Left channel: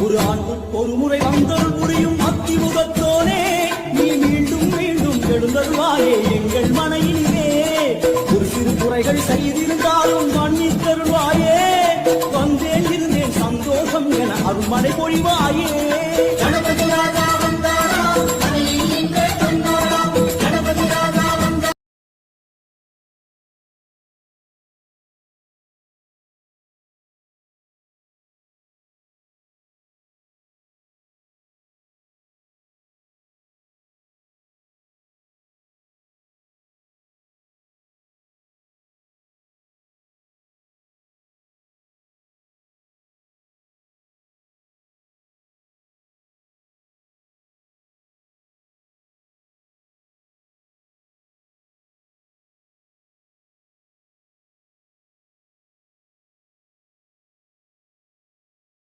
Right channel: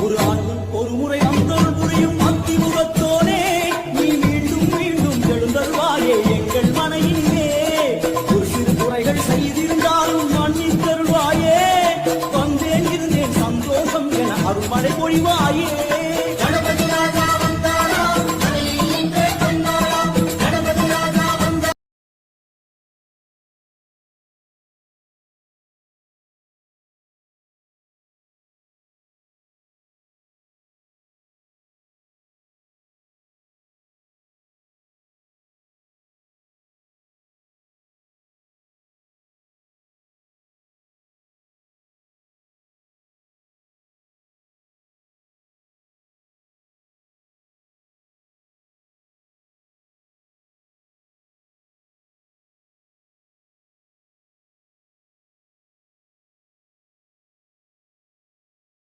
ஒரு ஆண்டுக்கு ஒரு முறை வந்தருள் புரியும் அத்திமுகத்தோனே நீ மீண்டும் மீண்டும் எழுந்தருள்வாயே எங்கள் மனையினிலே ஒரு சிறு குறைகள் செய்திருந்தாலும் மன்னித்தருள்வாயே வந்தேன் இருந்தேன் சந்தோஷம் என அருள்மழை பொழிவாயே கணபதி ராஜா வந்தாரா மனையில்